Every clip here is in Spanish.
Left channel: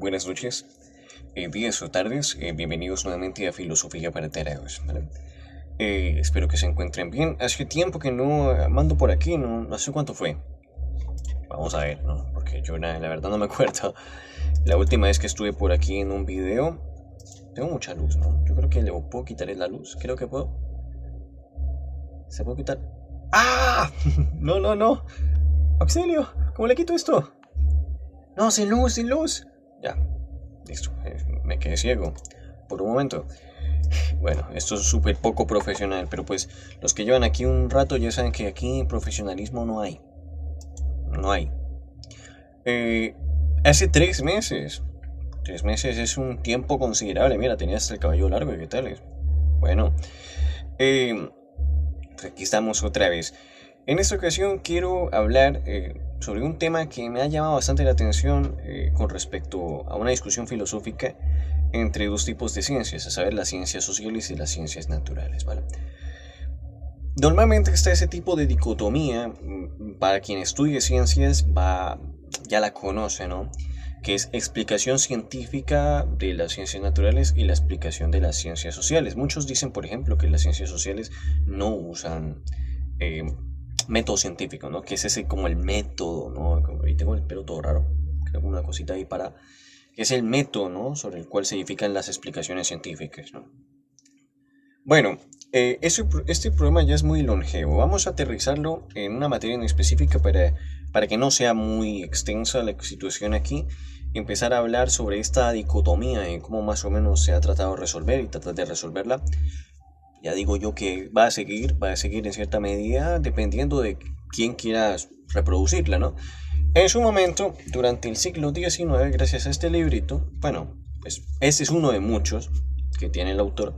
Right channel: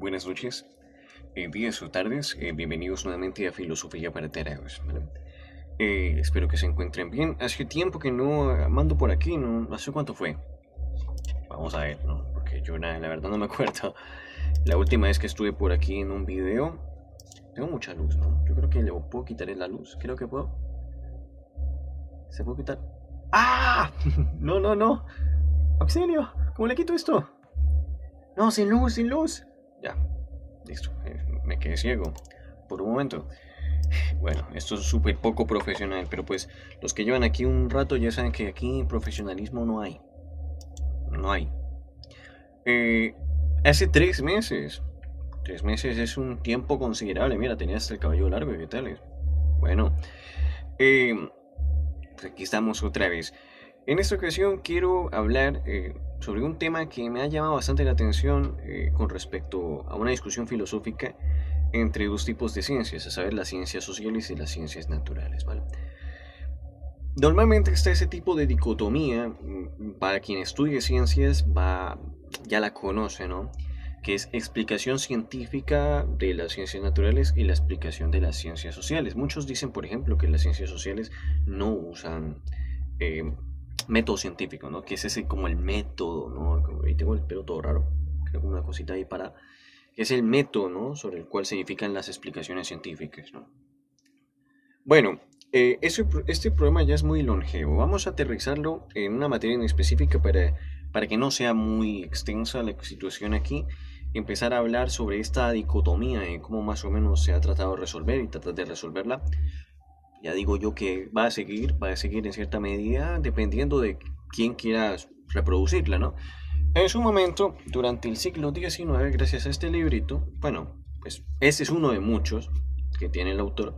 buenas noches, días o tardes. Bienvenidos nuevamente a Filosofía para Tarados, ¿vale? Espero que se encuentren bien. Hace tiempo que no mando por aquí, no sé cuánto fue. Vamos a ver, ¿no? Porque yo la verdad no me acuerdo. La última vez que estuve por aquí en un video, tengo mucha luz, ¿no? Yo creo que le puedo quitar la luz. Creo que puedo. ¿Se puede quitar? ¡Ah! No, no, no. Auxilio, ¿cómo le quito esto? No, sin luz, sin luz. Ya, listo. Me quedé ciego por un momento. Bueno, esto es súper poco profesional, pero pues los que llevan aquí un rato ya saben que aquí profesionalismo no hay. No hay. Eh, Hace 3 meses. 3 meses es un tiempo considerable. Mira, tenías el cabello largo, ¿qué tal? Bueno, eh, pues aquí estamos otra vez. En esta ocasión quiero hablar sobre un tema que me ha llamado bastante la atención con respecto a una discusión filosófica entre dos tipos de ciencias, a saber, las ciencias sociales y las ciencias naturales, ¿vale? Normalmente está ese tipo de dicotomía, para quien estudie ciencias ya la conoce, ¿no? Que es explicación científica de las ciencias naturales y la explicación de las ciencias sociales. Muchos dicen, por ejemplo, que las ciencias sociales no usan eh, método científico, ¿no? Que es ese como el método, ¿no? Ahí tengo el pelo todo raro, creo que una cosita ahí para... Que es el método, ¿no? Sobre el cual se edifican las explicaciones científicas, ¿no? Bueno, este programa ya es muy longevo. Vamos a aterrizarlo en una materia en específica para que no sea muy extensa la situación aquí. Empezar a hablar sobre esta dicotomía y cómo más o menos se ha tratado de resolver y tratar de resolverla. Ya digo yo que va a seguir en cierta medida dependiendo de quién quiera reproducirla, ¿no? En su momento, durante el siglo XIX, gracias a este librito, bueno, pues ese es uno de muchos que tiene el autor.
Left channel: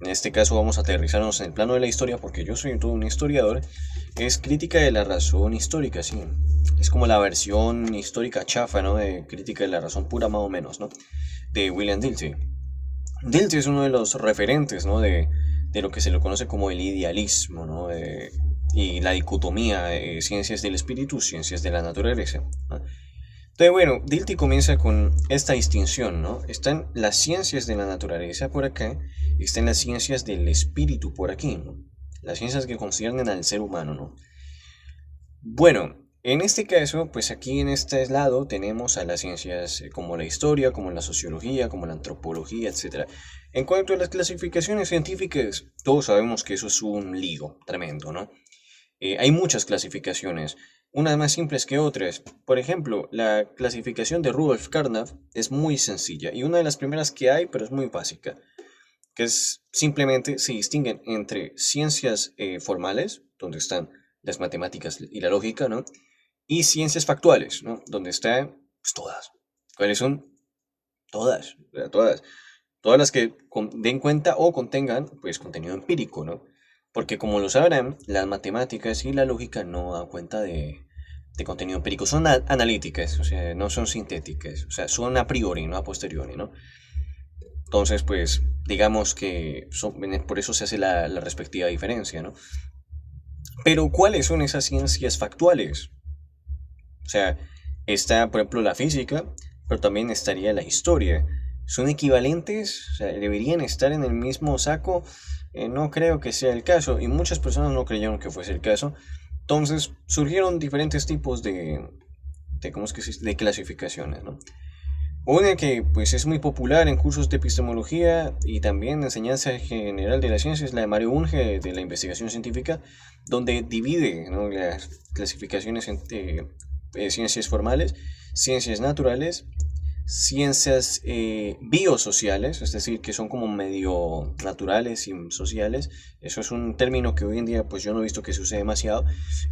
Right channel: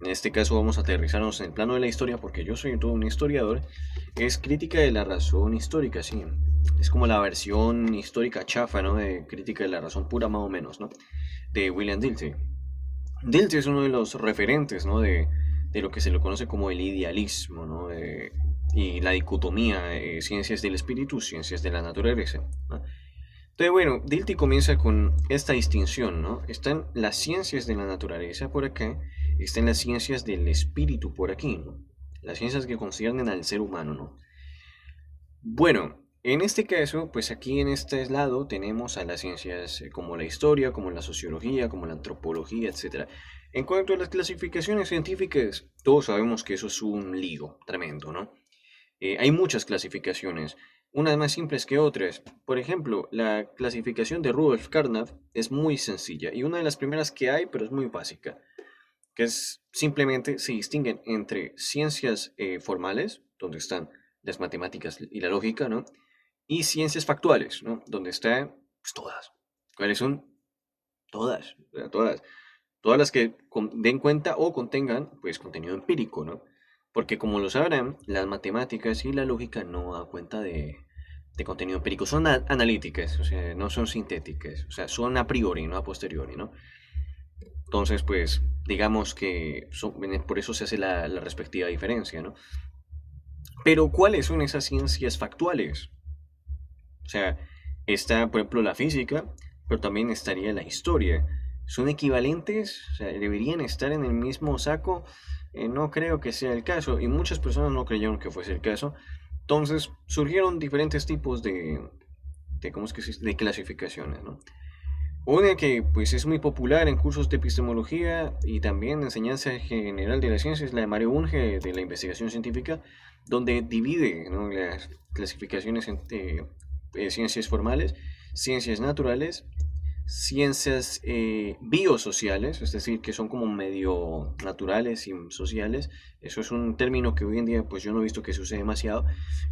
En este caso vamos a aterrizarnos en el plano de la historia porque yo soy todo un historiador. Es Crítica de la razón histórica, sí. Es como la versión histórica chafa, ¿no? De Crítica de la razón pura más o menos, ¿no? De William Dilthey. Dilthey es uno de los referentes, ¿no? De lo que se le conoce como el idealismo, ¿no? Y la dicotomía, ciencias del espíritu, ciencias de la naturaleza, ¿no? Entonces, bueno, Dilthey comienza con esta distinción, ¿no? Están las ciencias de la naturaleza por acá, están las ciencias del espíritu por aquí, ¿no? Las ciencias que conciernen al ser humano, ¿no? Bueno, en este caso, pues aquí en este lado tenemos a las ciencias como la historia, como la sociología, como la antropología, etcétera. En cuanto a las clasificaciones científicas, todos sabemos que eso es un lío tremendo, ¿no? Hay muchas clasificaciones, unas más simples que otras. Por ejemplo, la clasificación de Rudolf Carnap es muy sencilla y una de las primeras que hay, pero es muy básica, que es simplemente se distinguen entre ciencias formales, donde están las matemáticas y la lógica, ¿no? Y ciencias factuales, ¿no? Donde están pues, todas. ¿Cuáles son? Todas, o sea, todas. Todas las que den cuenta o contengan, pues, contenido empírico, ¿no? Porque como lo sabrán, las matemáticas y la lógica no dan cuenta de contenido empírico. Son analíticas, o sea, no son sintéticas. O sea, son a priori, no a posteriori, ¿no? Entonces, pues, digamos que por eso se hace la respectiva diferencia, ¿no? Pero, ¿cuáles son esas ciencias factuales? O sea, está, por ejemplo, la física, pero también estaría la historia. ¿Son equivalentes? O sea, ¿deberían estar en el mismo saco? No creo que sea el caso, y muchas personas no creyeron que fuese el caso. Entonces, surgieron diferentes tipos de ¿cómo es que se dice? De clasificaciones, ¿no? Una que pues es muy popular en cursos de epistemología y también enseñanza general de la ciencia es la de Mario Bunge de la investigación científica, donde divide, ¿no? Las clasificaciones entre ciencias formales, ciencias naturales, ciencias biosociales, es decir, que son como medio naturales y sociales. Eso es un término que hoy en día pues yo no he visto que se use demasiado,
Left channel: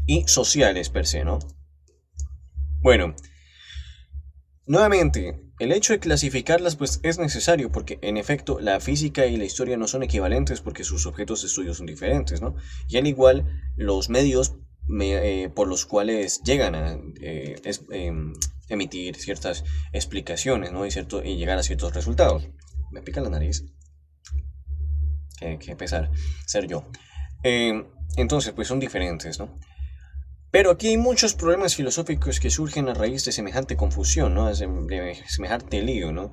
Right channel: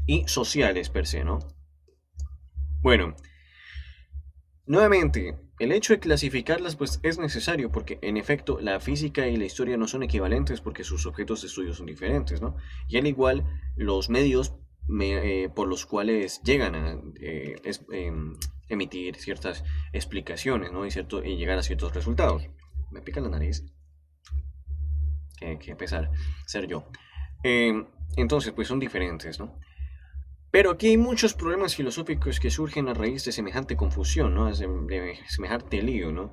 y sociales per se, ¿no? Bueno, nuevamente, el hecho de clasificarlas pues es necesario porque en efecto la física y la historia no son equivalentes porque sus objetos de estudio son diferentes, ¿no? Y al igual los medios por los cuales llegan a emitir ciertas explicaciones, ¿no? Y llegar a ciertos resultados. Me pica la nariz. Qué pesar ser yo. Entonces, pues son diferentes, ¿no? Pero aquí hay muchos problemas filosóficos que surgen a raíz de semejante confusión, ¿no? De semejante lío, ¿no?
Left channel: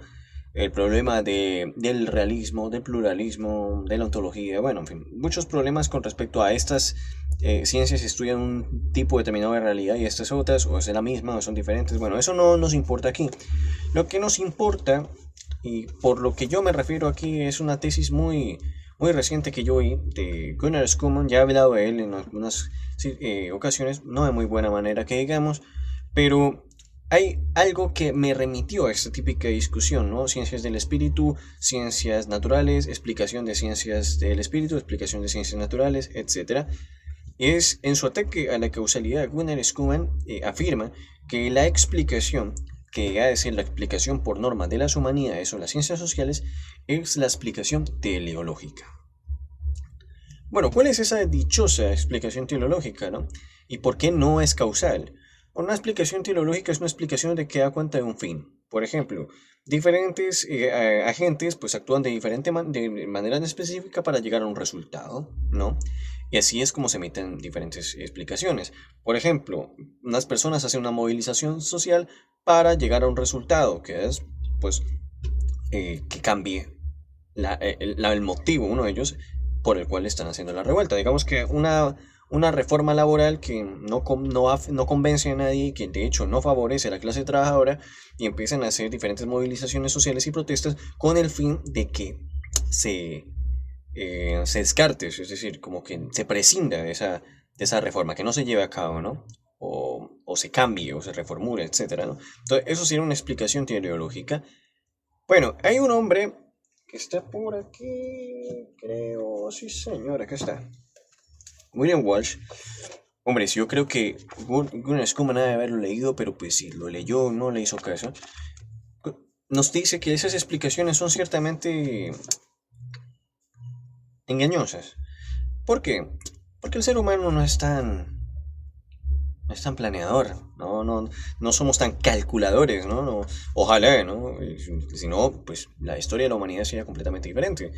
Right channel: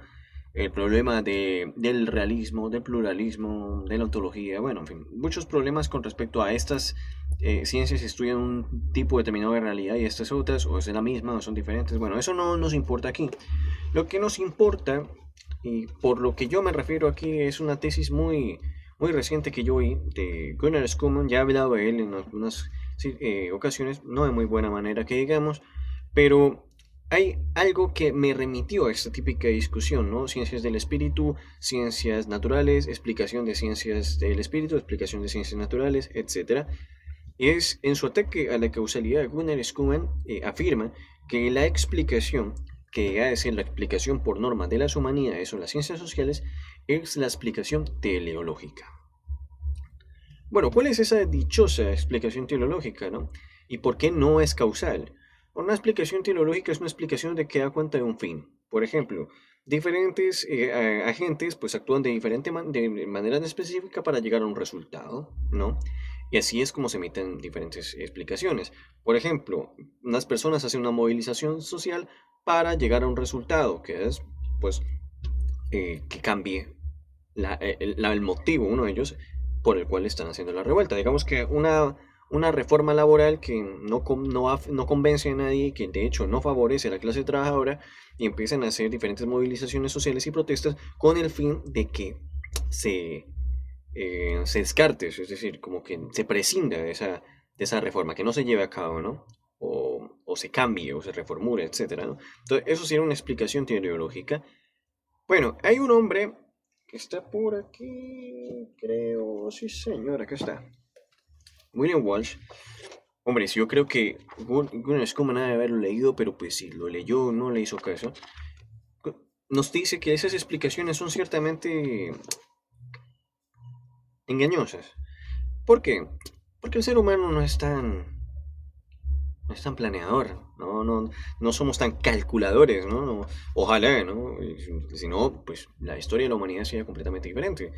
El problema del realismo, del pluralismo, de la ontología, bueno, en fin, muchos problemas con respecto a estas ciencias que estudian un tipo determinado de realidad y estas otras, o es la misma, o son diferentes. Bueno, eso no nos importa aquí. Lo que nos importa, y por lo que yo me refiero aquí, es una tesis muy reciente que yo oí de Gunnar Schumann. Ya he hablado de él en algunas ocasiones, no de muy buena manera que digamos, pero hay algo que me remitió a esta típica discusión, ¿no? Ciencias del espíritu, ciencias naturales, explicación de ciencias del espíritu, explicación de ciencias naturales, etc. Es en su ataque a la causalidad, Gunnar Schumann afirma que la explicación, que ha de ser la explicación por norma de las humanidades o las ciencias sociales, es la explicación teleológica. Bueno, ¿cuál es esa dichosa explicación teleológica, no? ¿Y por qué no es causal? Una explicación teleológica es una explicación de que da cuenta de un fin. Por ejemplo, diferentes agentes pues actúan de manera específica para llegar a un resultado, ¿no? Y así es como se emiten diferentes explicaciones. Por ejemplo, unas personas hacen una movilización social para llegar a un resultado, que es pues que cambie el motivo, uno de ellos, por el cual están haciendo la revuelta. Digamos que una reforma laboral que no convence a nadie, que de hecho no favorece a la clase trabajadora, y empiezan a hacer diferentes movilizaciones sociales y protestas con el fin de que se descarte, es decir, como que se prescinda de esa reforma, que no se lleve a cabo, ¿no? O se cambie, o se reformule, etcétera, ¿no? Entonces, eso sería una explicación teleológica. Bueno, hay un hombre que está por aquí, creo, sí señor, acá está. William Walsh. Hombre, yo creo que Gunnar Schumann debe haberlo leído, pero pues si lo leyó, no le hizo caso. Nos dice que esas explicaciones son ciertamente engañosas. ¿Por qué? Porque el ser humano no es tan planeador, no somos tan calculadores, ¿no? Ojalá, ¿no? Si no, pues la historia de la humanidad sería completamente diferente.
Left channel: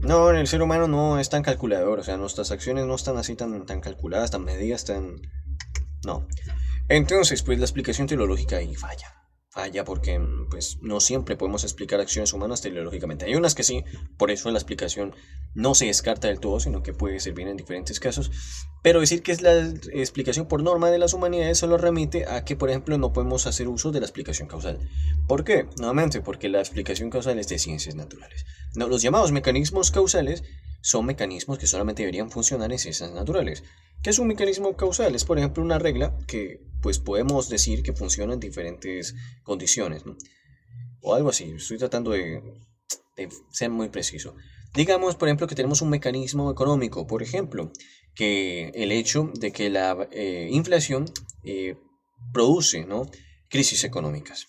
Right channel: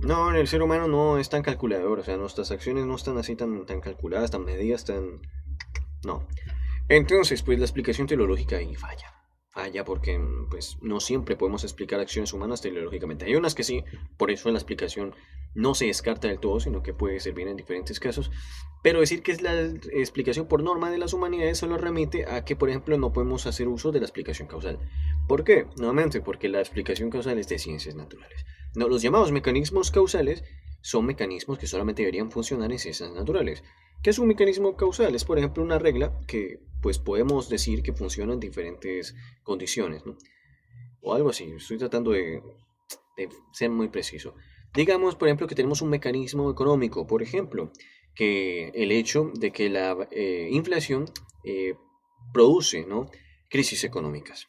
No, el ser humano no es tan calculador, o sea, nuestras acciones no están así tan calculadas, tan medidas, No. Entonces, pues la explicación teleológica ahí falla. Falla porque pues no siempre podemos explicar acciones humanas teleológicamente. Hay unas que sí, por eso la explicación no se descarta del todo, sino que puede servir en diferentes casos. Pero decir que es la explicación por norma de las humanidades solo remite a que, por ejemplo, no podemos hacer uso de la explicación causal. ¿Por qué? Nuevamente, porque la explicación causal es de ciencias naturales. No, los llamados mecanismos causales son mecanismos que solamente deberían funcionar en ciencias naturales. ¿Qué es un mecanismo causal? Es, por ejemplo, una regla que pues podemos decir que funciona en diferentes condiciones, ¿no? O algo así. Estoy tratando de ser muy preciso. Digamos, por ejemplo, que tenemos un mecanismo económico, por ejemplo, que el hecho de que la inflación produce, ¿no?, crisis económicas.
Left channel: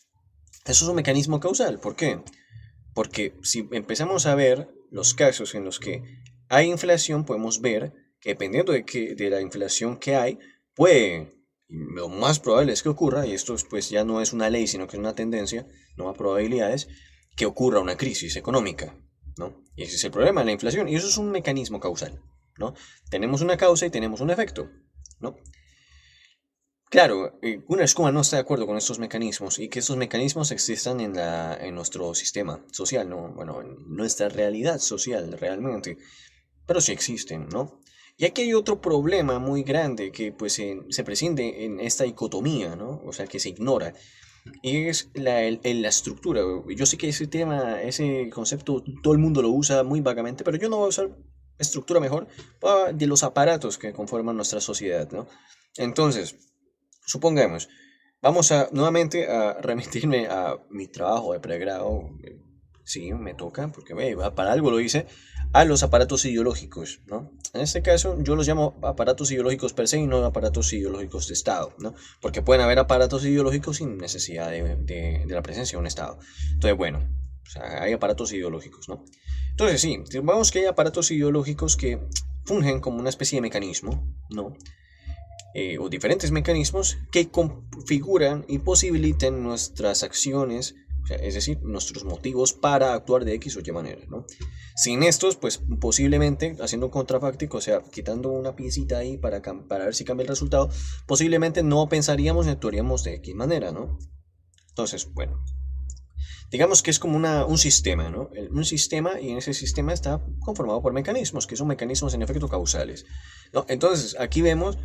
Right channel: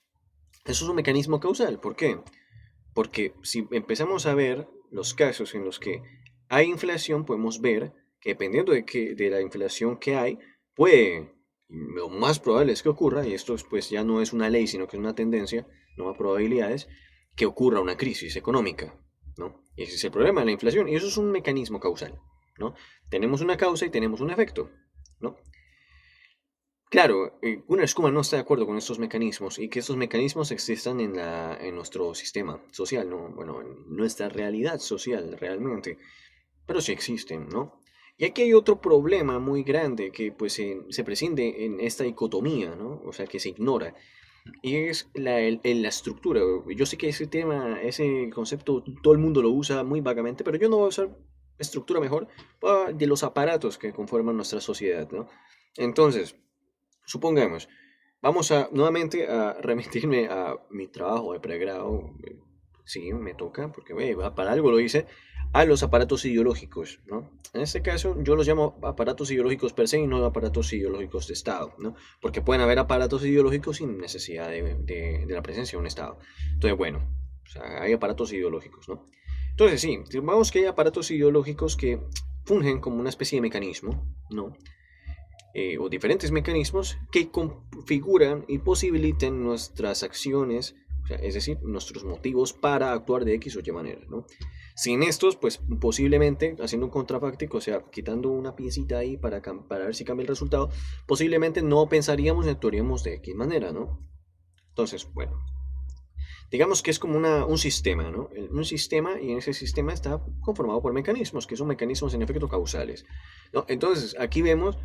Eso es un mecanismo causal. ¿Por qué? Porque si empezamos a ver los casos en los que hay inflación, podemos ver que dependiendo de la inflación que hay, lo más probable es que ocurra, y esto pues ya no es una ley, sino que es una tendencia, no a probabilidades, que ocurra una crisis económica, ¿no? Y ese es el problema de la inflación, y eso es un mecanismo causal, ¿no? Tenemos una causa y tenemos un efecto, ¿no? Claro, Gunnar Schumann no está de acuerdo con estos mecanismos y que estos mecanismos existan en nuestro sistema social, ¿no? Bueno, en nuestra realidad social realmente, pero sí existen, ¿no? Y aquí hay otro problema muy grande que pues se prescinde en esta dicotomía, ¿no? O sea, que se ignora, y es la estructura. Yo sé que ese tema, ese concepto, todo el mundo lo usa muy vagamente, pero yo no voy a usar estructura mejor de los aparatos que conforman nuestra sociedad, ¿no? Entonces, supongamos, vamos nuevamente a remitirme a mi trabajo de pregrado. Sí, me toca, porque para algo lo hice, a los aparatos ideológicos, ¿no? En este caso, yo los llamo aparatos ideológicos per se y no aparatos ideológicos de Estado, ¿no? Porque pueden haber aparatos ideológicos sin necesidad de la presencia de un Estado. Entonces, bueno, o sea, hay aparatos ideológicos, ¿no? Entonces, sí, vamos que hay aparatos ideológicos que fungen como una especie de mecanismo, ¿no? O diferentes mecanismos que configuran y posibilitan nuestras acciones, o sea, es decir, nuestros motivos para actuar de X o Y manera, ¿no? Sin estos, pues posiblemente, haciendo un contrafáctico, o sea, quitando una piecita ahí para ver si cambia el resultado, posiblemente no pensaríamos ni actuaríamos de X manera, ¿no? Entonces, bueno, digamos que es como un sistema, ¿no? Un sistema, y en ese sistema está conformado por mecanismos, que son mecanismos en efecto causales, ¿no? Entonces, aquí vemos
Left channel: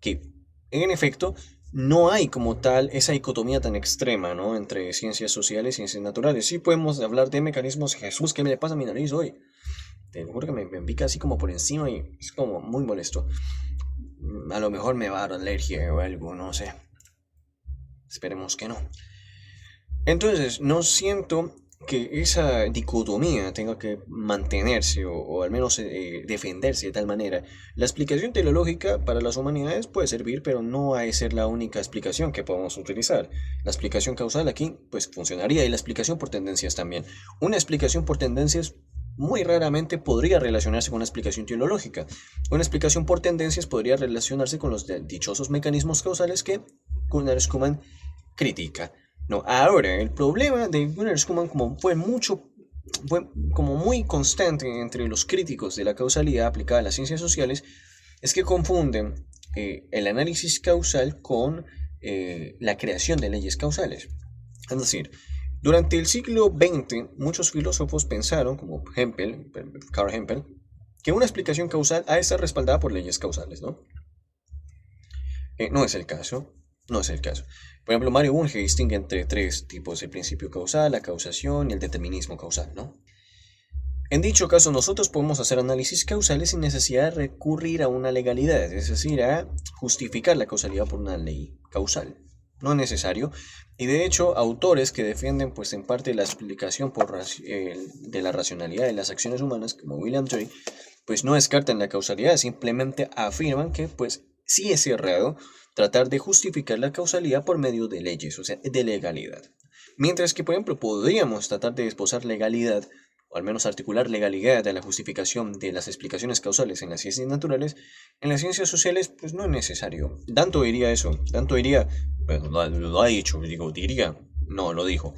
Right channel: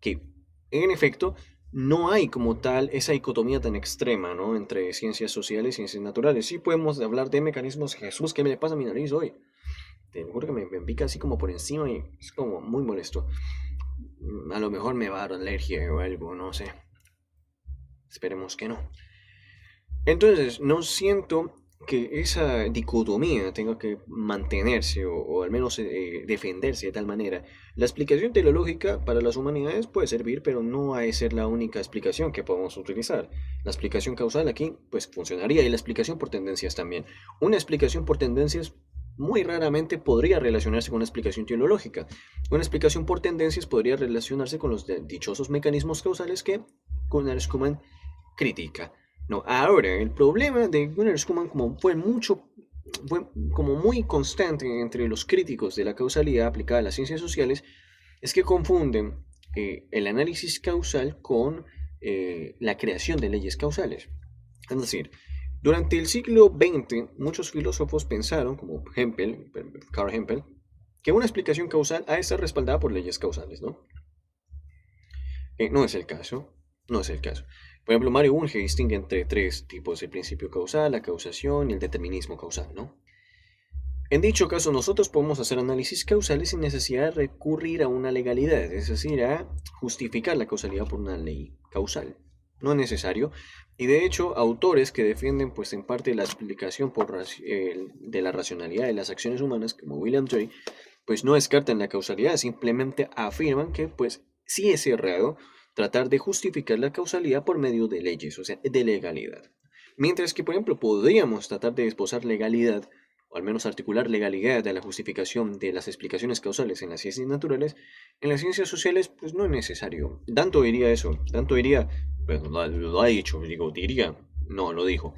que, en efecto, no hay como tal esa dicotomía tan extrema, ¿no? Entre ciencias sociales y ciencias naturales. Sí podemos hablar de mecanismos. Jesús, ¿qué me le pasa a mi nariz hoy? Te lo juro que me pica así como por encima y es como muy molesto. A lo mejor me va a dar alergia o algo, no sé. Esperemos que no. Entonces, no siento que esa dicotomía tenga que mantenerse o al menos defenderse de tal manera. La explicación teleológica para las humanidades puede servir, pero no ha de ser la única explicación que podamos utilizar. La explicación causal aquí pues funcionaría y la explicación por tendencias también. Una explicación por tendencias muy raramente podría relacionarse con una explicación teleológica. Una explicación por tendencias podría relacionarse con los dichosos mecanismos causales que Gunnar Schumann critica. No, ahora, el problema de Gunnar Schumann, como fue como muy constante entre los críticos de la causalidad aplicada a las ciencias sociales, es que confunden el análisis causal con la creación de leyes causales. Es decir, durante el siglo XX, muchos filósofos pensaron, como Karl Hempel, que una explicación causal ha de estar respaldada por leyes causales, ¿no? No es el caso. No es el caso. Por ejemplo, Mario Bunge distingue entre tres tipos: el principio causal, la causación y el determinismo causal, ¿no? En dicho caso, nosotros podemos hacer análisis causales sin necesidad de recurrir a una legalidad, es decir, a justificar la causalidad por una ley causal. No es necesario. Y de hecho, autores que defienden, pues en parte, la explicación de la racionalidad de las acciones humanas, como William James, pues no descartan la causalidad, simplemente afirman que, pues, sí es errado tratar de justificar la causalidad por medio de leyes, o sea, de legalidad. Mientras que, por ejemplo, podríamos tratar de esbozar legalidad, o al menos articular legalidad de la justificación de las explicaciones causales en las ciencias naturales, en las ciencias sociales, pues no es necesario. Danto diría eso, Danto diría, bueno, lo ha dicho, diría, no, lo dijo.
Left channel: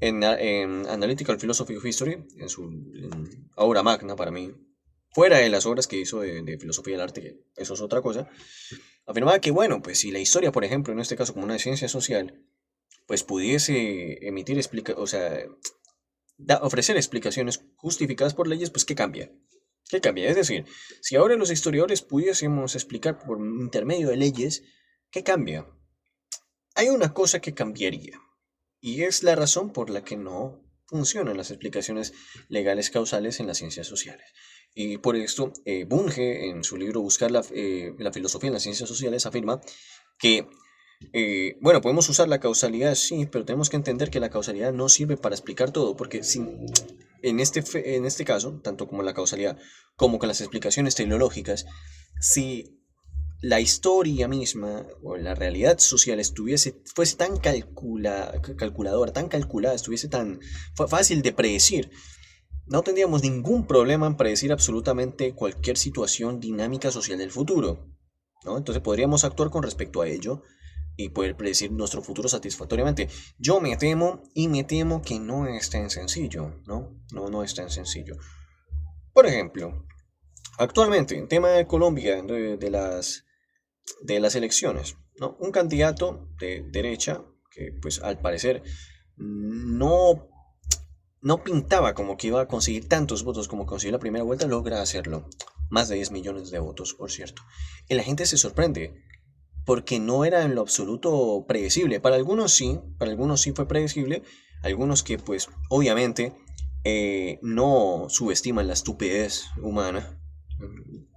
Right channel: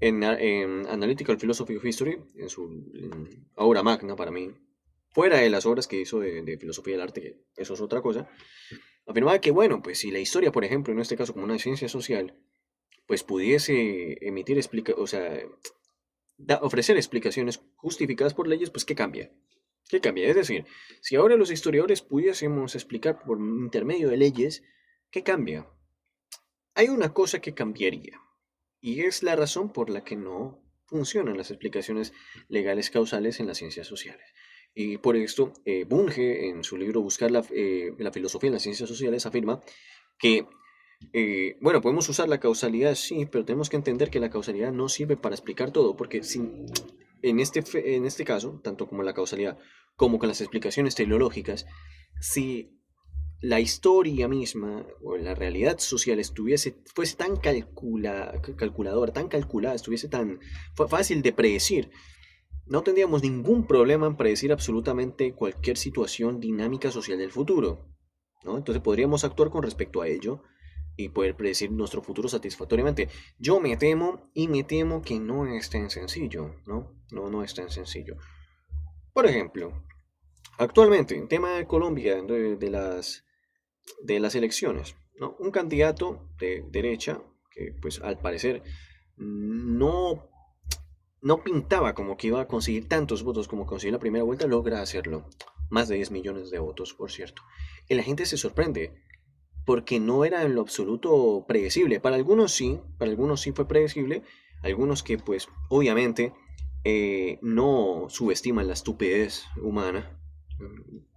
En Analytical Philosophy of History, en su obra magna para mí, fuera de las obras que hizo de filosofía del arte, que eso es otra cosa, afirmaba que, bueno, pues si la historia, por ejemplo, en este caso como una ciencia social, pues pudiese o sea, ofrecer explicaciones justificadas por leyes, pues ¿qué cambia? ¿Qué cambia? Es decir, si ahora los historiadores pudiésemos explicar por intermedio de leyes, ¿qué cambia? Hay una cosa que cambiaría, y es la razón por la que no funcionan las explicaciones legales causales en las ciencias sociales. Y por esto, Bunge, en su libro Buscar la filosofía en las ciencias sociales, afirma que, bueno, podemos usar la causalidad, sí, pero tenemos que entender que la causalidad no sirve para explicar todo, porque en este caso, tanto como la causalidad como con las explicaciones teleológicas, si la historia misma o la realidad social fuese tan calculadora, tan calculada, estuviese tan fácil de predecir, no tendríamos ningún problema en predecir absolutamente cualquier situación dinámica social del futuro, ¿no? Entonces podríamos actuar con respecto a ello y poder predecir nuestro futuro satisfactoriamente. Yo me temo que no es tan sencillo, ¿no? No es tan sencillo. Por ejemplo, actualmente, en tema de Colombia, de las elecciones, ¿no? Un candidato de derecha, que pues al parecer no, no pintaba como que iba a conseguir tantos votos como consiguió la primera vuelta, logra hacerlo. Más de 10 millones de votos, por cierto. Y la gente se sorprende, porque no era en lo absoluto predecible. Para algunos sí fue predecible, algunos que pues obviamente no subestiman la estupidez humana,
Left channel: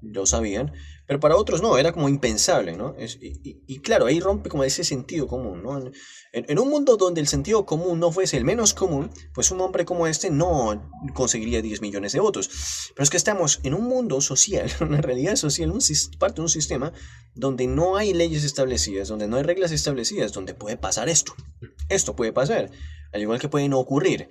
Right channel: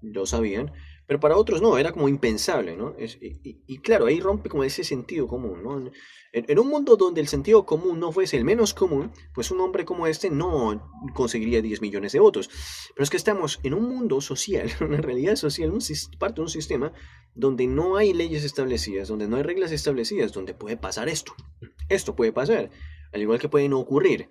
lo sabían, pero para otros no, era como impensable, ¿no? Y claro, ahí rompe como ese sentido común, ¿no? En un mundo donde el sentido común no fuese el menos común, pues un hombre como este no conseguiría 10 millones de votos. Pero es que estamos en un mundo social, una realidad social, parte de un sistema donde no hay leyes establecidas, donde no hay reglas establecidas, donde puede pasar esto. Esto puede pasar, al igual que puede no ocurrir.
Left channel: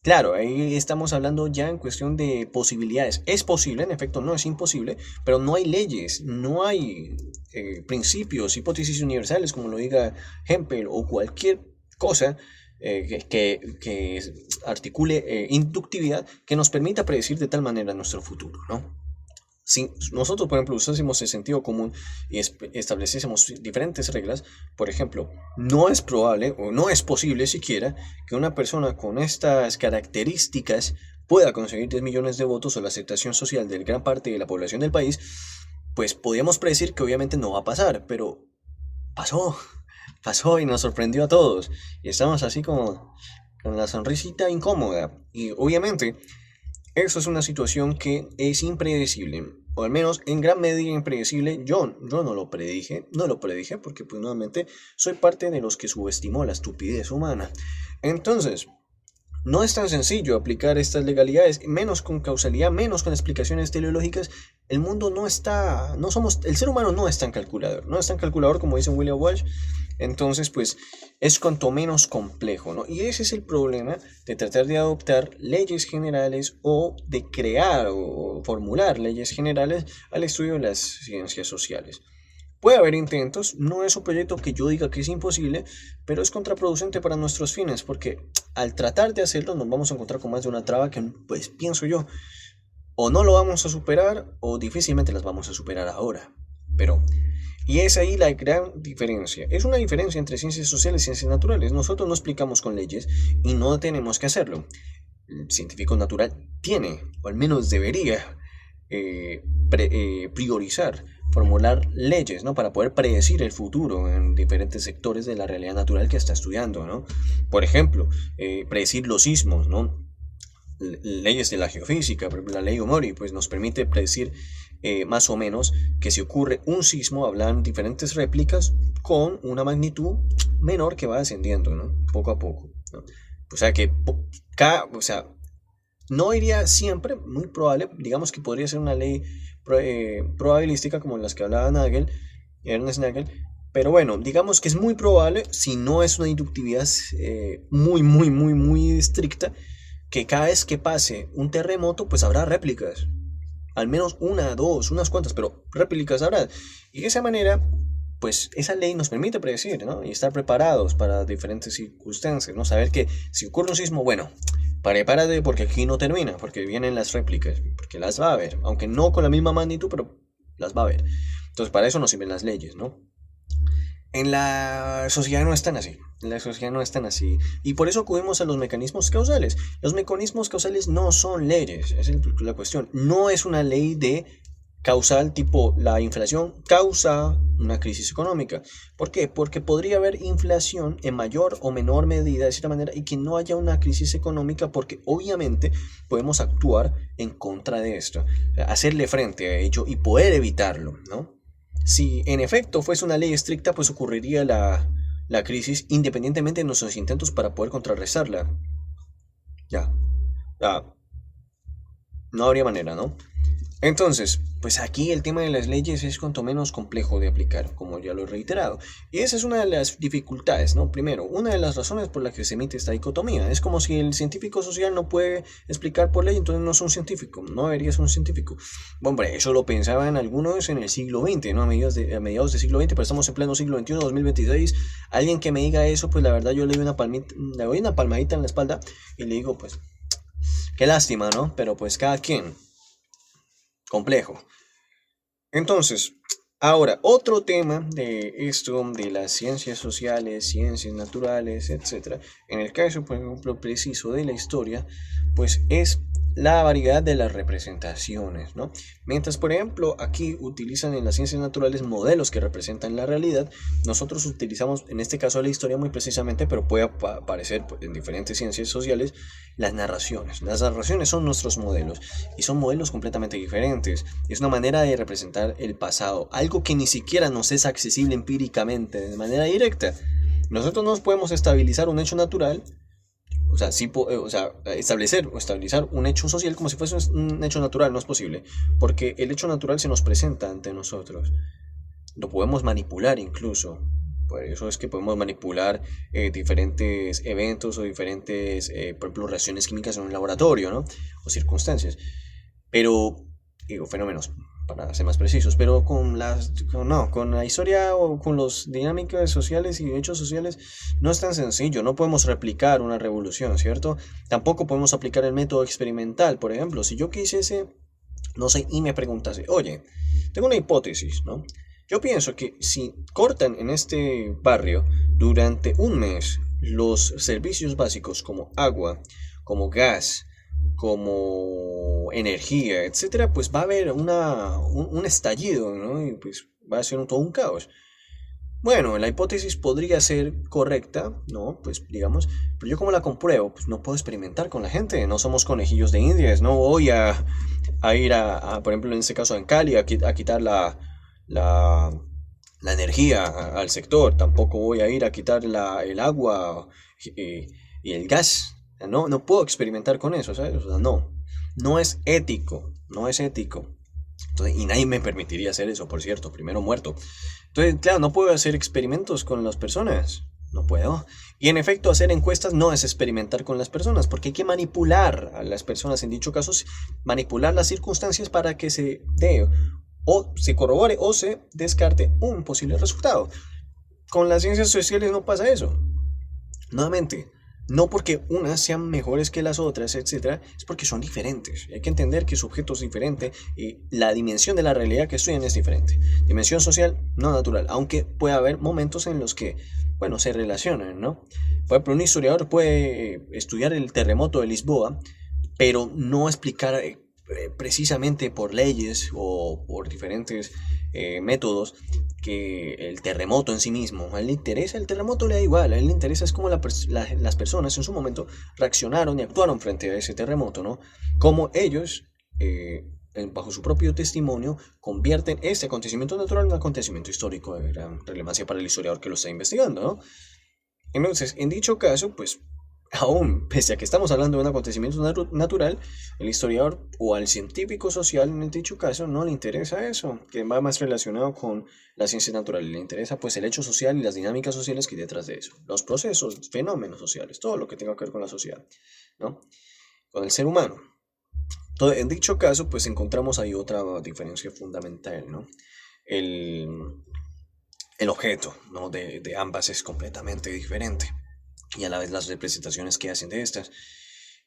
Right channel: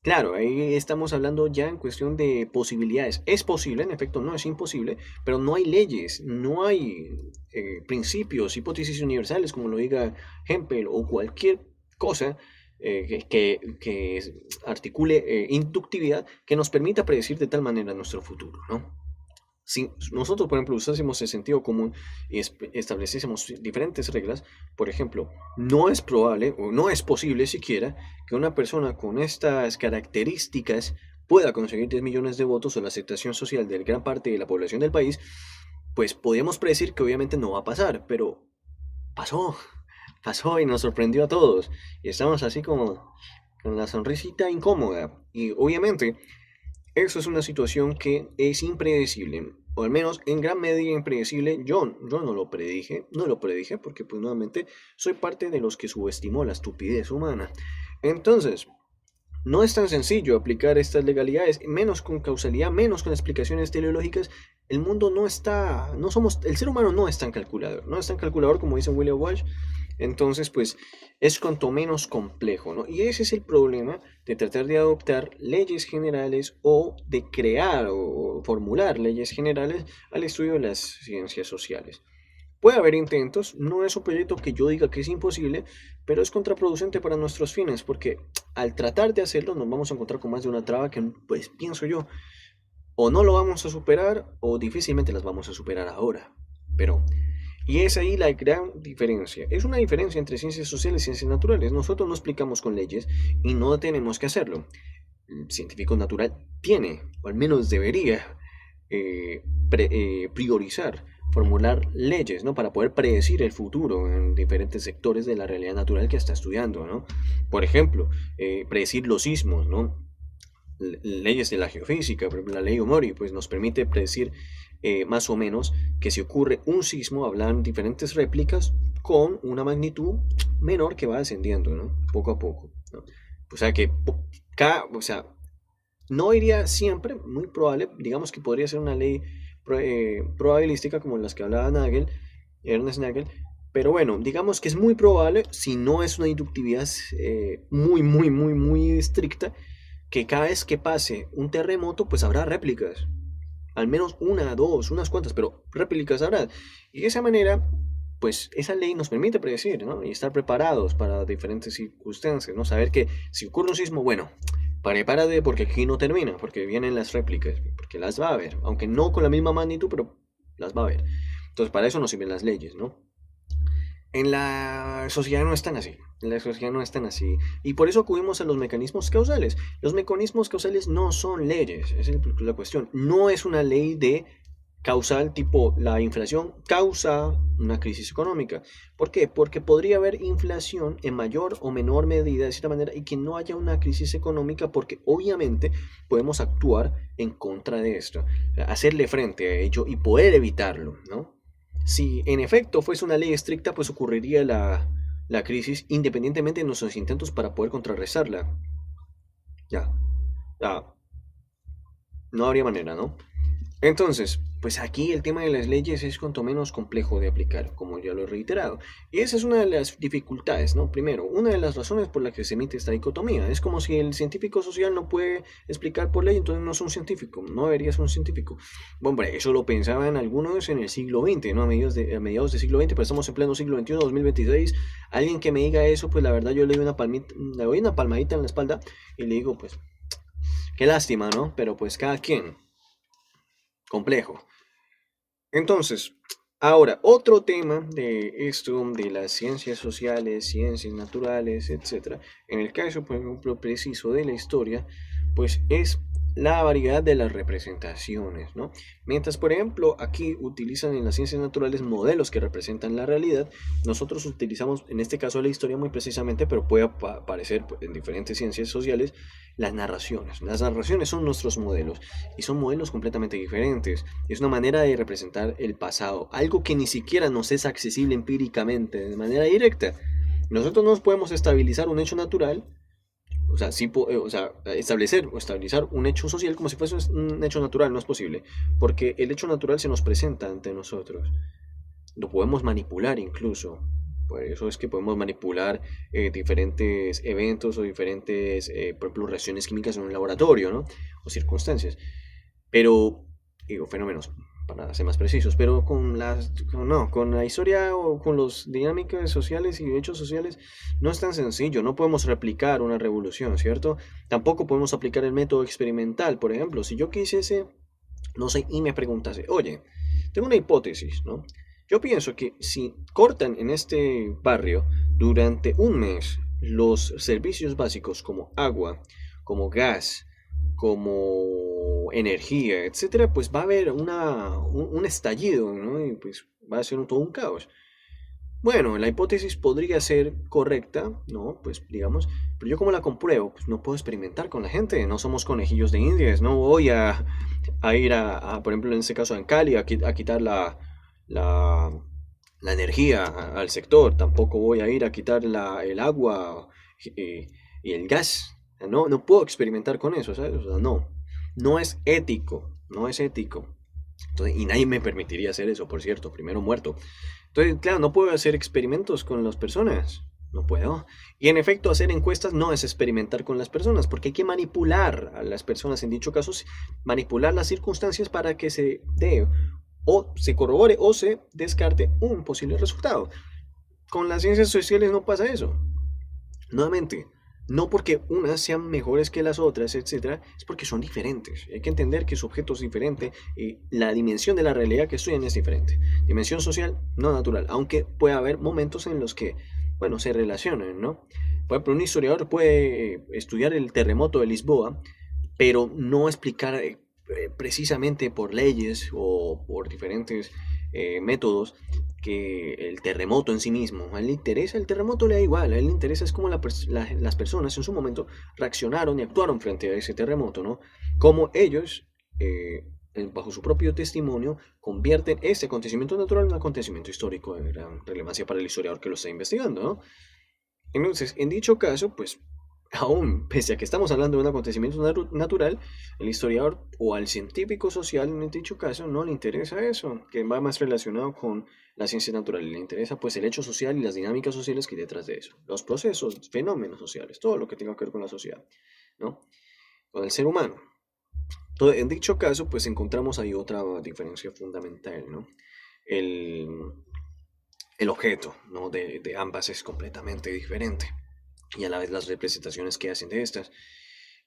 Claro, ahí estamos hablando ya en cuestión de posibilidades. Es posible, en efecto, no es imposible, pero no hay leyes, no hay principios, hipótesis universales, como lo diga Hempel, o cualquier cosa que articule inductividad que nos permita predecir de tal manera nuestro futuro, ¿no? Si nosotros, por ejemplo, usásemos el sentido común y estableciésemos diferentes reglas, por ejemplo, no es probable o no es posible siquiera que una persona con estas características pueda conseguir 10 millones de votos o la aceptación social de gran parte de la población del país, pues podríamos predecir que obviamente no va a pasar, pero pasó, pasó y nos sorprendió a todos. Y estamos así como con la sonrisita incómoda. Y obviamente eso es una situación que es impredecible, o al menos en gran medida impredecible. Yo no lo predije porque pues nuevamente soy parte de los que subestimó la estupidez humana. Entonces, no es tan sencillo aplicar estas legalidades, menos con causalidad, menos con explicaciones teleológicas. El mundo no está, no somos, el ser humano no es tan calculador, no es tan calculador como dice William Walsh. Entonces, pues es cuanto menos complejo, ¿no? Y ese es el problema de tratar de adoptar leyes generales o de crear o formular leyes generales al estudio de las ciencias sociales. Puede haber intentos, no es un proyecto que yo diga que es imposible, pero es contraproducente para nuestros fines, porque al tratar de hacerlo nos vamos a encontrar con más de una traba que, pues pienso yo, o no lo vamos a superar o difícilmente las vamos a superar ahora. Pero, y es ahí la gran diferencia. Es una diferencia entre ciencias sociales y ciencias naturales. Nosotros no explicamos con leyes y no tenemos que hacerlo. El científico natural tiene, o al menos debería, priorizar, formular leyes, ¿no? Para poder predecir el futuro en diferentes sectores de la realidad natural que está estudiando, ¿no? Por ejemplo, predecir los sismos, ¿no? Leyes de la geofísica, por ejemplo, la ley Omori, pues nos permite predecir más o menos que si ocurre un sismo, hablan diferentes réplicas con una magnitud menor que va descendiendo, ¿no? Poco a poco, ¿no? O sea que o sea, no iría siempre, muy probable, digamos que podría ser una ley probabilística como las que hablaba Ernest Nagel, pero bueno, digamos que es muy probable, si no es una inductividad muy estricta, que cada vez que pase un terremoto, pues habrá réplicas. Al menos una, dos, unas cuantas, pero réplicas habrá. Y de esa manera, pues esa ley nos permite predecir, ¿no? Y estar preparados para diferentes circunstancias, ¿no? Saber que si ocurre un sismo, bueno, prepárate porque aquí no termina, porque vienen las réplicas, porque las va a haber, aunque no con la misma magnitud, pero las va a haber. Entonces, para eso nos sirven las leyes, ¿no? En la sociedad no están así. En la sociedad no están así. Y por eso acudimos a los mecanismos causales. Los mecanismos causales no son leyes. Esa es la cuestión. No es una ley de causal tipo la inflación causa una crisis económica. ¿Por qué? Porque podría haber inflación en mayor o menor medida de cierta manera y que no haya una crisis económica porque obviamente podemos actuar en contra de esto. Hacerle frente a ello y poder evitarlo, ¿no? Si en efecto fuese una ley estricta, pues ocurriría la crisis independientemente de nuestros intentos para poder contrarrestarla. Ya, ya, no habría manera, ¿no? Entonces, pues aquí el tema de las leyes es cuanto menos complejo de aplicar, como ya lo he reiterado. Y esa es una de las dificultades, ¿no? Primero, una de las razones por las que se emite esta dicotomía. Es como si el científico social no puede explicar por ley, entonces no es un científico, no debería ser un científico. Bueno, hombre, eso lo pensaban algunos en el siglo XX, ¿no? A mediados del siglo XX, pero estamos en pleno siglo XXI, 2026. Alguien que me diga eso, pues la verdad yo le doy le doy una palmadita en la espalda y le digo, pues, qué lástima, ¿no? Pero pues cada quien. Complejo. Entonces, ahora, otro tema de esto, de las ciencias sociales, ciencias naturales, etcétera, en el caso, por ejemplo, preciso de la historia, pues es la variedad de las representaciones, ¿no? Mientras, por ejemplo, aquí utilizan en las ciencias naturales modelos que representan la realidad, nosotros utilizamos, en este caso, la historia muy precisamente, pero puede aparecer en diferentes ciencias sociales, las narraciones. Las narraciones son nuestros modelos y son modelos completamente diferentes. Es una manera de representar el pasado, algo que ni siquiera nos es accesible empíricamente, de manera directa. Nosotros no podemos estabilizar un hecho natural, o sea, establecer o estabilizar un hecho social como si fuese un hecho natural, no es posible, porque el hecho natural se nos presenta ante nosotros. Lo podemos manipular incluso. Por eso es que podemos manipular diferentes eventos o diferentes, por ejemplo, reacciones químicas en un laboratorio, ¿no? O circunstancias. Pero, digo, fenómenos. para ser más precisos, pero con la historia o con las dinámicas sociales y hechos sociales no es tan sencillo, no podemos replicar una revolución, ¿cierto? Tampoco podemos aplicar el método experimental, por ejemplo, si yo quisiese, no sé, y me preguntase, oye, tengo una hipótesis, ¿no? Yo pienso que si cortan en este barrio durante un mes los servicios básicos como agua, como gas, como energía, etcétera, pues va a haber un estallido, ¿no? Y pues va a ser todo un caos. Bueno, la hipótesis podría ser correcta, ¿no? Pues digamos, pero yo como la compruebo, pues no puedo experimentar con la gente, no somos conejillos de indias, no voy a ir por ejemplo, en este caso en Cali, a quitar la, la energía al sector, tampoco voy a ir a quitar el agua y, y el gas, no, no puedo experimentar con eso, ¿sabes? O sea, no, no es ético, no es ético. Entonces, y nadie me permitiría hacer eso, por cierto, primero muerto. Entonces, claro, no puedo hacer experimentos con las personas. No puedo. Y en efecto, hacer encuestas no es experimentar con las personas, porque hay que manipular a las personas, en dicho caso, manipular las circunstancias para que se dé o se corrobore o se descarte un posible resultado. Con las ciencias sociales no pasa eso. Nuevamente, no porque unas sean mejores que las otras, etcétera, es porque son diferentes. Hay que entender que su objeto es diferente y la dimensión de la realidad que estudian es diferente. Dimensión social, no natural, aunque puede haber momentos en los que, bueno, se relacionan, ¿no? Por ejemplo, un historiador puede estudiar el terremoto de Lisboa, pero no explicar precisamente por leyes o por diferentes métodos que el terremoto en sí mismo. A él le interesa, el terremoto le da igual, a él le interesa es cómo las personas en su momento reaccionaron y actuaron frente a ese terremoto, ¿no? Cómo ellos, bajo su propio testimonio, convierten este acontecimiento natural en un acontecimiento histórico de gran relevancia para el historiador que lo está investigando, ¿no? Entonces, en dicho caso, pues aún, pese a que estamos hablando de un acontecimiento natural, el historiador o al científico social en dicho caso no le interesa eso, que va más relacionado con la ciencia natural, le interesa pues el hecho social y las dinámicas sociales que hay detrás de eso, los procesos, fenómenos sociales, todo lo que tenga que ver con la sociedad, ¿no? Con el ser humano. Entonces, en dicho caso, pues encontramos ahí otra diferencia fundamental, ¿no? El, el objeto, ¿no? de ambas es completamente diferente y a la vez las representaciones que hacen de estas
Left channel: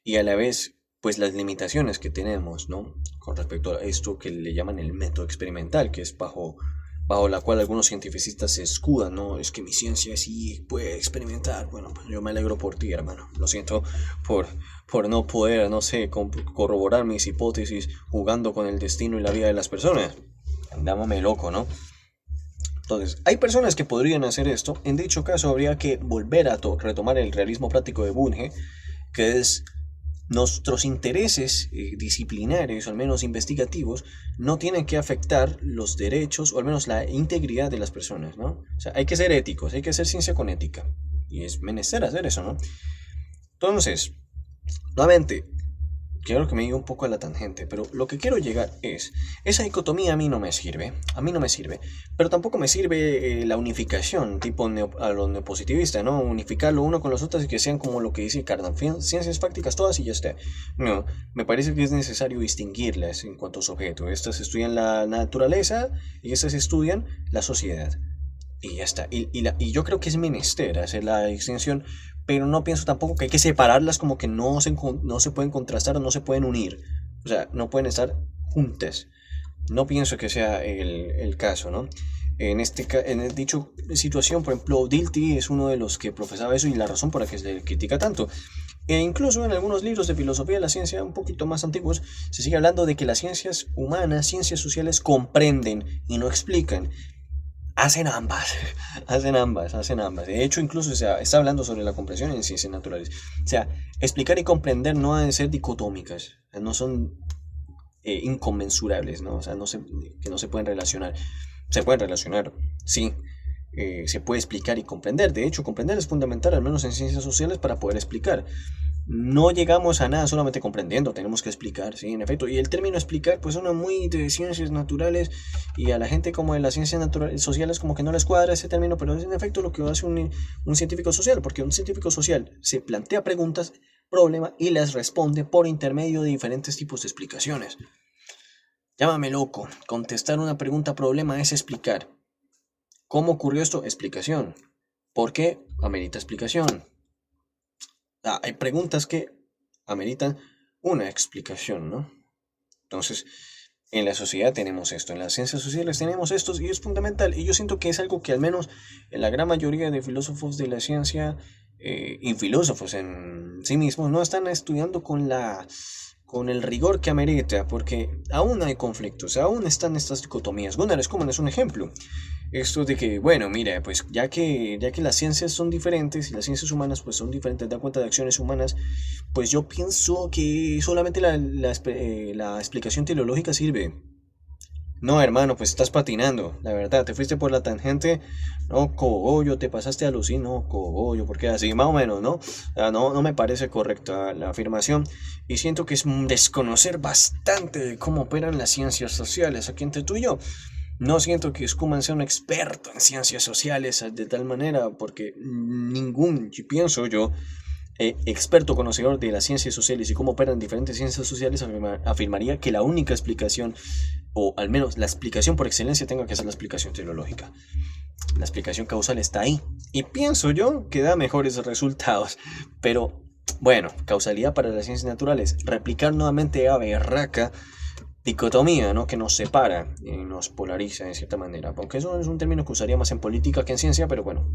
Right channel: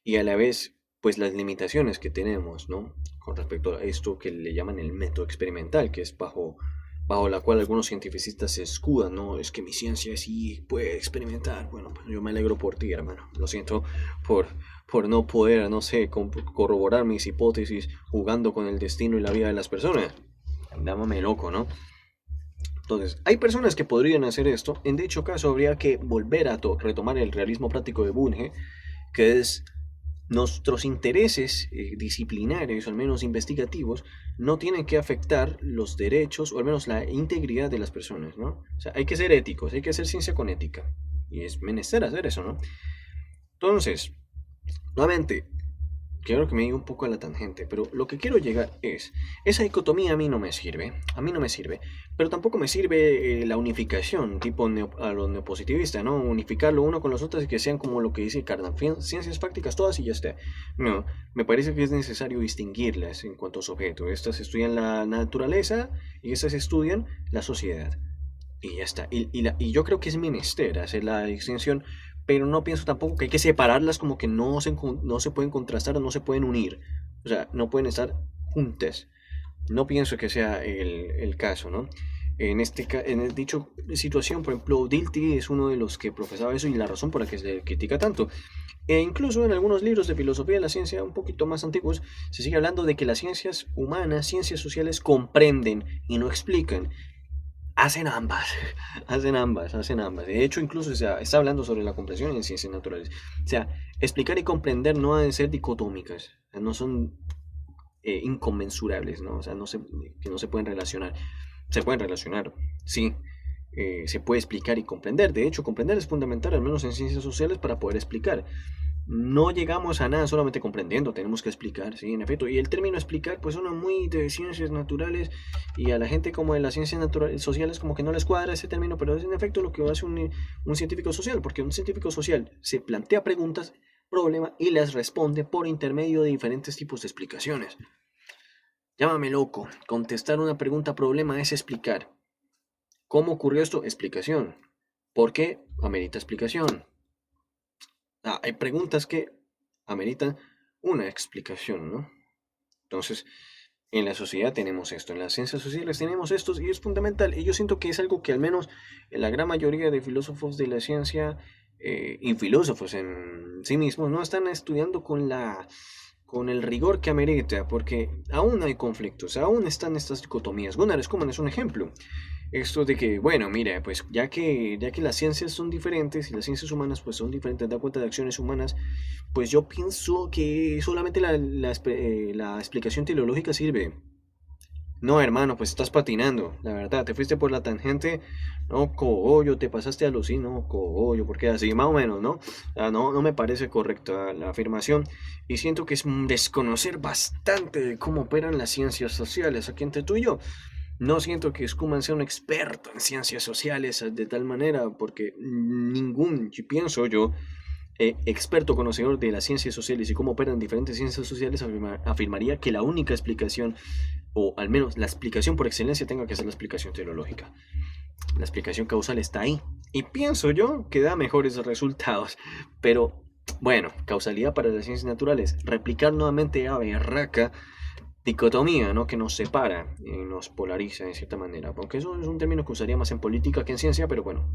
y a la vez pues las limitaciones que tenemos, ¿no? Con respecto a esto que le llaman el método experimental, que es bajo la cual algunos cientificistas se escudan, ¿no? Es que mi ciencia sí puede experimentar. Bueno, pues yo me alegro por ti, hermano. Lo siento por, por no poder, no sé, corroborar mis hipótesis jugando con el destino y la vida de las personas. Dámame loco, ¿no? Entonces, hay personas que podrían hacer esto. En dicho caso, habría que volver a retomar el realismo práctico de Bunge, que es nuestros intereses disciplinares, o al menos investigativos, no tienen que afectar los derechos, o al menos la integridad de las personas, ¿no? O sea, hay que ser éticos, hay que hacer ciencia con ética. Y es menester hacer eso, ¿no? Entonces, nuevamente, quiero que me diga un poco a la tangente, pero lo que quiero llegar es, esa dicotomía a mí no me sirve, pero tampoco me sirve la unificación, tipo a los neopositivistas, ¿no? Unificarlo uno con los otros y que sean como lo que dice Cardan, ciencias fácticas todas y ya está. No, me parece que es necesario distinguirlas en cuanto a su objeto. Estas estudian la naturaleza y estas estudian la sociedad. Y ya está. Y yo creo que es menester hacer la distinción, pero no pienso tampoco que hay que separarlas como que no se pueden contrastar o no se pueden unir. O sea, no pueden estar juntas. No pienso que sea el caso, ¿no? En dicho situación, por ejemplo, Dilthey es uno de los que profesaba eso y la razón por la que se le critica tanto. E incluso en algunos libros de filosofía de la ciencia un poquito más antiguos se sigue hablando de que las ciencias humanas, ciencias sociales comprenden y no explican. Hacen ambas, hacen ambas. De hecho, incluso está hablando sobre la comprensión en ciencias naturales. O sea, explicar y comprender no han de ser dicotómicas, o sea, no son inconmensurables, ¿no? O sea, que no se pueden relacionar. Se pueden relacionar, sí, se puede explicar y comprender. De hecho, comprender es fundamental, al menos en ciencias sociales, para poder explicar. No llegamos a nada solamente comprendiendo, tenemos que explicar, sí, en efecto. Y el término explicar, pues suena muy de ciencias naturales y a la gente como de las ciencias naturales, sociales como que no les cuadra ese término, pero es en efecto lo que hace un científico social, porque un científico social se plantea preguntas, problemas y las responde por intermedio de diferentes tipos de explicaciones. Llámame loco. Contestar una pregunta problema es explicar. ¿Cómo ocurrió esto? Explicación. ¿Por qué? Amerita explicación. Hay preguntas que ameritan una explicación, ¿no? Entonces, en la sociedad tenemos esto, en las ciencias sociales tenemos esto y es fundamental. Y yo siento que es algo que al menos en la gran mayoría de filósofos de la ciencia y filósofos en sí mismos no están estudiando con el rigor que amerita, porque aún hay conflictos, aún están estas dicotomías. Gunnar Schumann es un ejemplo. Esto de que, bueno, mira, pues ya que las ciencias son diferentes y las ciencias humanas pues son diferentes, da cuenta de acciones humanas, pues yo pienso que solamente la explicación teleológica sirve. No, hermano, pues estás patinando, la verdad, te fuiste por la tangente, no, cogollo, te pasaste a lucir, no, cogollo, porque así, más o menos, ¿no? No, no me parece correcta la afirmación y siento que es desconocer bastante de cómo operan las ciencias sociales aquí entre tú y yo. No siento que Schumann sea un experto en ciencias sociales de tal manera, porque ningún, yo pienso yo, experto conocedor de las ciencias sociales y cómo operan diferentes ciencias sociales afirmaría que la única explicación, o al menos la explicación por excelencia, tenga que ser la explicación teleológica. La explicación causal está ahí. Y pienso yo que da mejores resultados. Pero, bueno, causalidad para las ciencias naturales. Replicar nuevamente a berraca dicotomía, ¿no? Que nos separa y nos polariza de cierta manera. Aunque eso es un término que usaría más en política que en ciencia, pero bueno.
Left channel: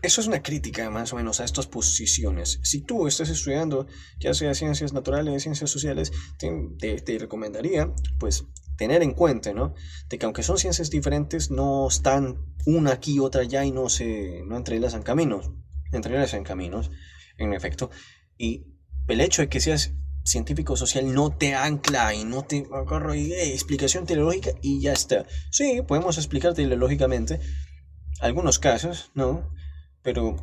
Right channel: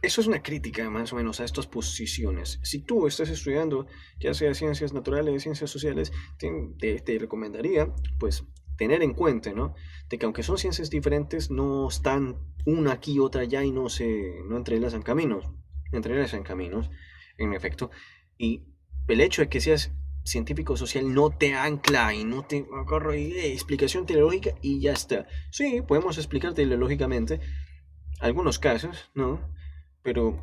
Eso es una crítica más o menos a estas posiciones. Si tú estás estudiando, ya sea ciencias naturales, ciencias sociales, te recomendaría, pues, tener en cuenta, ¿no? De que aunque son ciencias diferentes, no están una aquí, otra allá y no entrelazan caminos, en efecto. Y el hecho de que seas científico social no te ancla y no te agarra y explicación teleológica y ya está. Sí, podemos explicar teleológicamente algunos casos, ¿no? Pero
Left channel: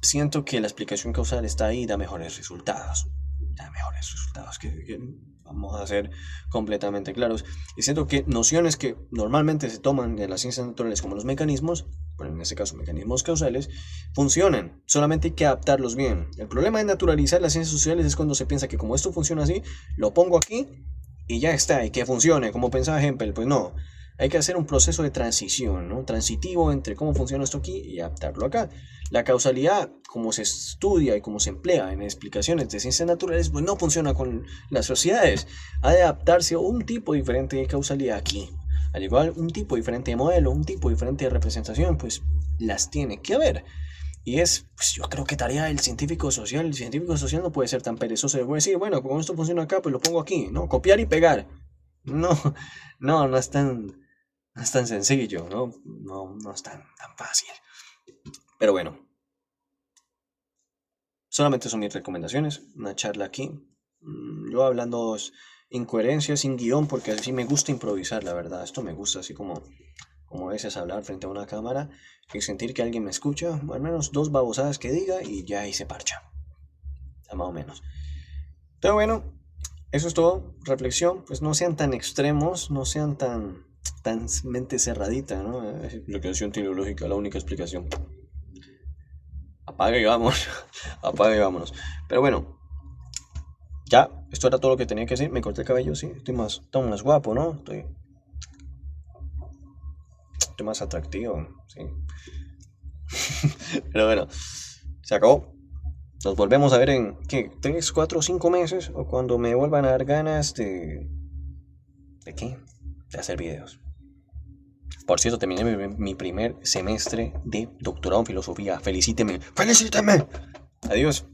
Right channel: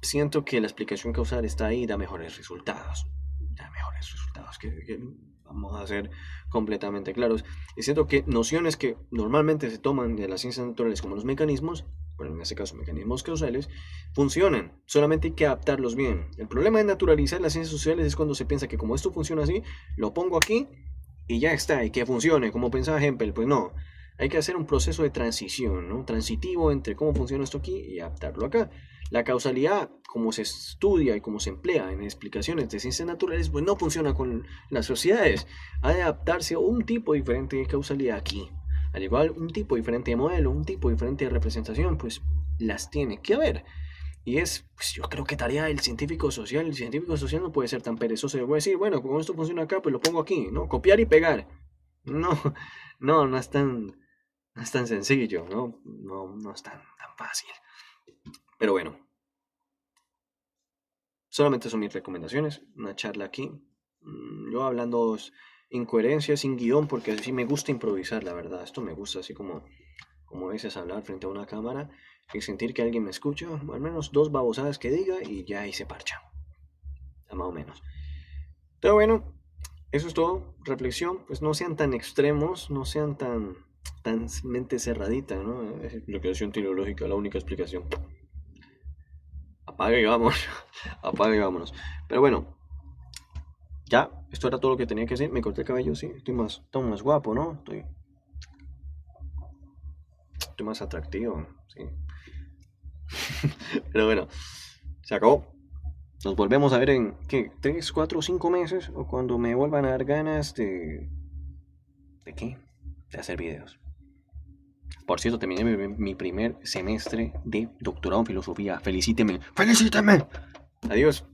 siento que la explicación causal está ahí y da mejores resultados. Da mejores resultados, que vamos a ser completamente claros. Y siento que nociones que normalmente se toman de las ciencias naturales como los mecanismos, bueno, en este caso mecanismos causales, funcionan. Solamente hay que adaptarlos bien. El problema de naturalizar las ciencias sociales es cuando se piensa que como esto funciona así, lo pongo aquí y ya está, y que funcione, como pensaba Hempel. Pues no. Hay que hacer un proceso de transición, ¿no? Transitivo entre cómo funciona esto aquí y adaptarlo acá. La causalidad, como se estudia y como se emplea en explicaciones de ciencias naturales, pues no funciona con las sociedades. Ha de adaptarse a un tipo diferente de causalidad aquí. Al igual, un tipo diferente de modelo, un tipo diferente de representación, pues las tiene que haber. Y pues yo creo que tarea del científico social. El científico social no puede ser tan perezoso de decir, bueno, como esto funciona acá, pues lo pongo aquí, ¿no? Copiar y pegar. No, no es tan sencillo, ¿no? No es tan fácil. Pero bueno, solamente son mis recomendaciones, una charla aquí. Yo hablando incoherencias, sin guión, porque así me gusta improvisar, la verdad. Esto me gusta, así como a veces hablar frente a una cámara y sentir que alguien me escucha, al menos dos babosadas que diga y ya ahí se parcha. Más o menos. Pero bueno, eso es todo. Reflexión, pues no sean tan extremos, no sean tan mente cerradita, ¿no? Explicación teleológica, la única explicación. Apague y vámonos. Apague y vámonos. Pero bueno, ya, esto era todo lo que tenía que decir. Me corté el cabello, sí. Estoy más guapo, ¿no? Estoy más atractivo, sí. Pero bueno, se acabó. Nos volvemos a ver en, ¿qué? 3, 4, 5 meses. O cuando me vuelvan a dar ganas de... ¿De qué? De hacer videos. Por cierto, terminé mi primer semestre de doctorado en filosofía. Felicíteme. ¡Felicíteme! Adiós.